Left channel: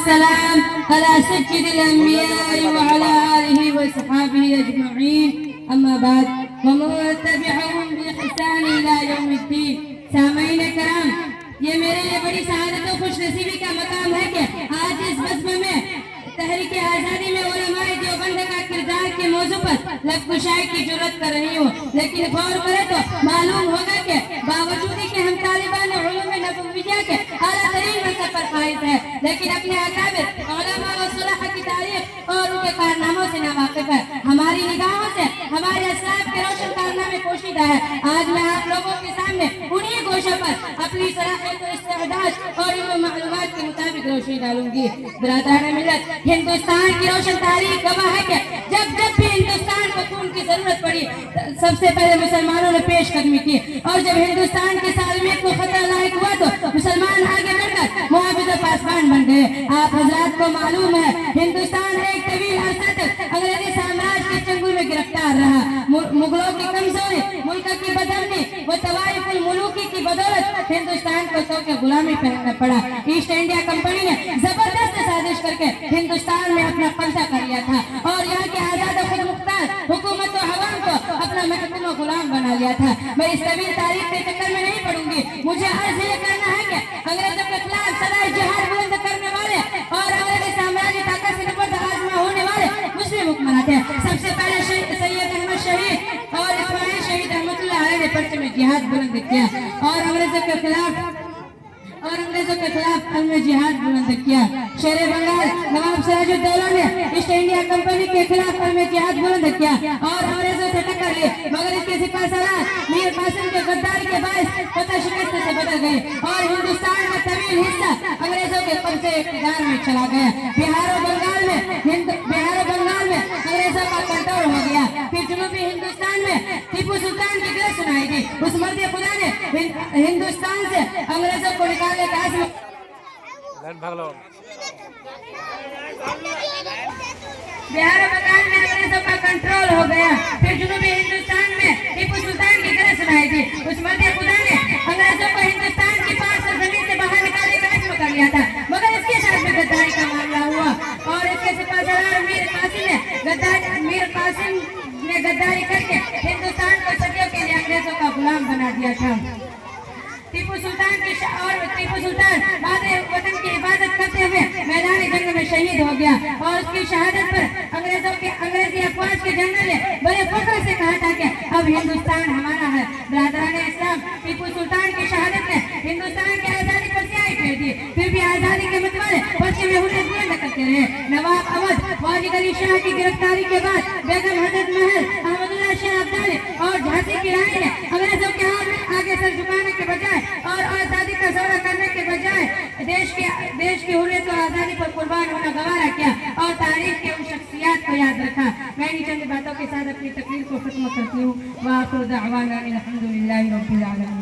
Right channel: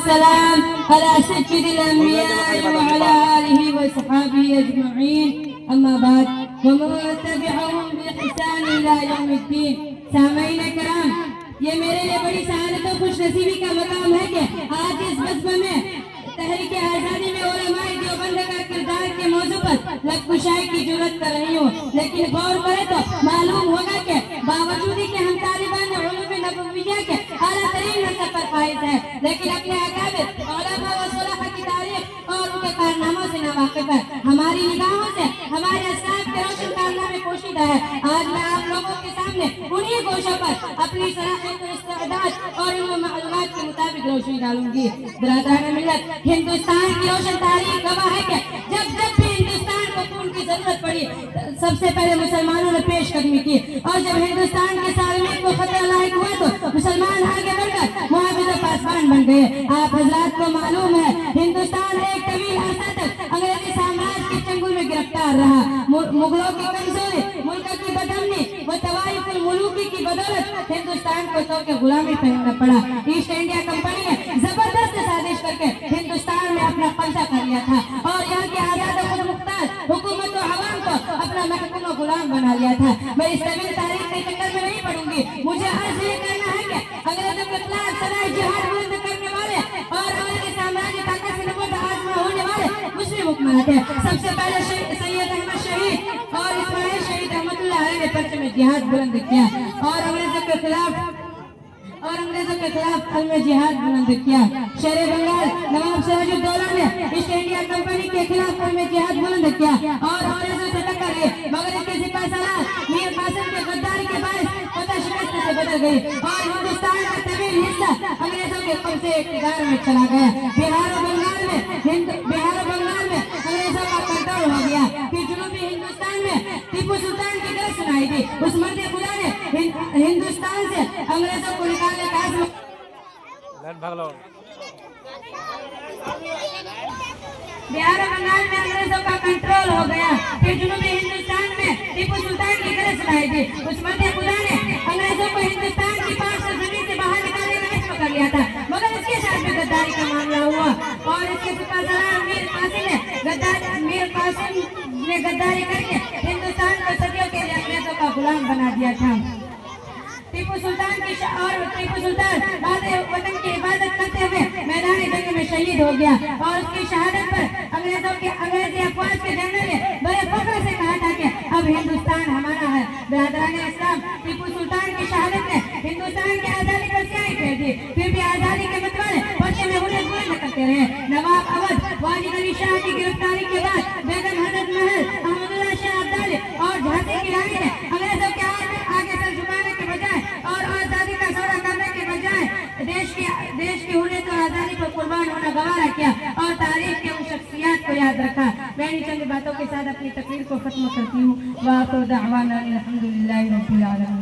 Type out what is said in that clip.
والسلام على سيد الأنبياء وعلى آله وصحبه أجمعين أما بعد ومن تبعهم بإحسان إلى يوم الدين. سامعین کرام، یہ میرے لیے بڑی سعادت و خوش نصیبی کا مقام ہے کہ آج اس بزم میں تحریک آزادی میں علماء دیوبند کا کردار کے موضوع پر لب کشائی کی جرات کر رہی ہوں. لیکن غور کرے تو معلوم ہوگا کہ باوجود کہ ہم طالبان علوم نبویہ کے اعلیٰ ترین منصب پر فائز ہیں، لیکن اپنے اکابر علماء و صلحاء کی تاریخ اور ان کے کارناموں سے ناواقف ہے. ہماری نگاہوں سے ہمارے اسلاف کے روشن کارنامے پوشیدہ ہے. آج میں آپ لوگوں کے سامنے انہی گوشوں پر اپنی صلاحیت و استعداد اور علم و معلومات کے مطابق روشنی ڈالوں گی. برادران ملت، ہندوستان کی روشن تاریخ گواہ ہے کہ جب بھی ہندوستان کو خون کی ضرورت پڑی سب سے پہلے مسلمانوں نے پیش قدمی کی، اور جب ہندوستان کے سالمیت کو فتح لاحق ہوا تو مسلمان آگے بڑھ کر محافظ و پاسبان بن گئے. آپ حضرات کو معلوم ہے ہندوستان ایک طویل عرصہ تک انگریزی سامراج کے چنگل میں گرفتار رہا. مغلوں کی کمزوری، ملک کی بدامنی و طوائف الملوکی کی بدولت ہندوستان کو تو کہ غلامی پہننا پڑا. ایسٹ انڈیا کمپنی نے زبردست سازش کر کے ہندوستان میں اپنا قبضہ کر لیا تھا اور یہاں کے آزاد و خود مختار حکومت و عوام کو اپنا محکوم و غلام بنا لیا تھا. میں اس طویل تاریخ کے چکر میں نہیں پڑوں گی. مجھے عرض یہ کرنا ہے کہ انگریزوں کے خلاف سدائے جہاد بلند کرنے والے اور انگریزی سامراجی طاقت سے نبرد آزما ہونے والے مسلم حکمران تھے. سب سے پہلے سید احمد شہید اور اسماعیل شہید رحمۃ اللہ علیہ نے پرچم جہاد بلند کیا اور انگریزوں کے خلاف جہاد بلند کیا. شیر بنگال نواب سراج الدولہ نے ایسٹ انڈیا کمپنی کے خلاف جہاد بلند کیا اور انگریزوں سے ٹکر لی، مگر اس کے سپاہ سالار میر قاسم کے غداری کے باعث فتح شکست سے بدل گئی اور ہندوستان کا طویل حصہ انگریزوں کے قبضے اقتدار میں چلا گیا. بہار و بنگال میں انگریزوں کا کنٹرول ہو گیا. پھر جنوبی ہندوستان میں ٹیپو سلطان کی گرج سنائی دی. اس مرد خدا نے ہندوستان سے انگریزوں کو نکالنے کا عزم. بہار و بنگال میں انگریزوں کا کنٹرول ہو گیا. پھر جنوبی ہندوستان میں ٹیپو سلطان کی گرج سنائی دی. اس مرد خدا نے انگریزوں کو ہندوستان کی پاک سرزمین سے باہر نکالنے کا عزم کر لیا تھا، مگر اس کے ساتھ بھی غداری کا معاملہ ہوا اور اس کے سپاہ سالار میر قاسم نے غداری کر کے ہندوستان کو صدیوں کے لیے انگریزوں کا غلام بنا دیا تھا. ٹیپو سلطان وطن کی حفاظت کرتے ہوئے میدان جنگ میں شہید ہو گیا اور اس کی شہادت پر انگریزی افواج کے جنرل نے بڑے فخر سے کہا تھا کہ اب ہندوستان ہمارا ہے. برادران اسلام، ٹیپو سلطان کی شہادت نے ہندوستان کی آزادی پر سیاہی پھیر دی. پھر بھی آزادی کے متوالے بچے میں ہوتے بلند کرتے رہے. نواب اودھ واجد علی شاہ کی گرفتاری کے بعد بیگم حضرت محل احمد اللہ شاہ عبدالی اور جھانسی کی رانی نے انگریزوں کے ہاتھ میں آگے سر جھکانے کے بجائے اور آزادی کا سودا کرنے کے بجائے دیش کی حریت اور آزادی پر قربان ہونا گوارا کیا اور تاریخ کے ان شخصیات کو یاد رکھا. میں ان چند باتوں کے ساتھ اپنی تقریر کو ختم کرتی ہوں. وآخر دعوانا الحمدللہ رب العالمین.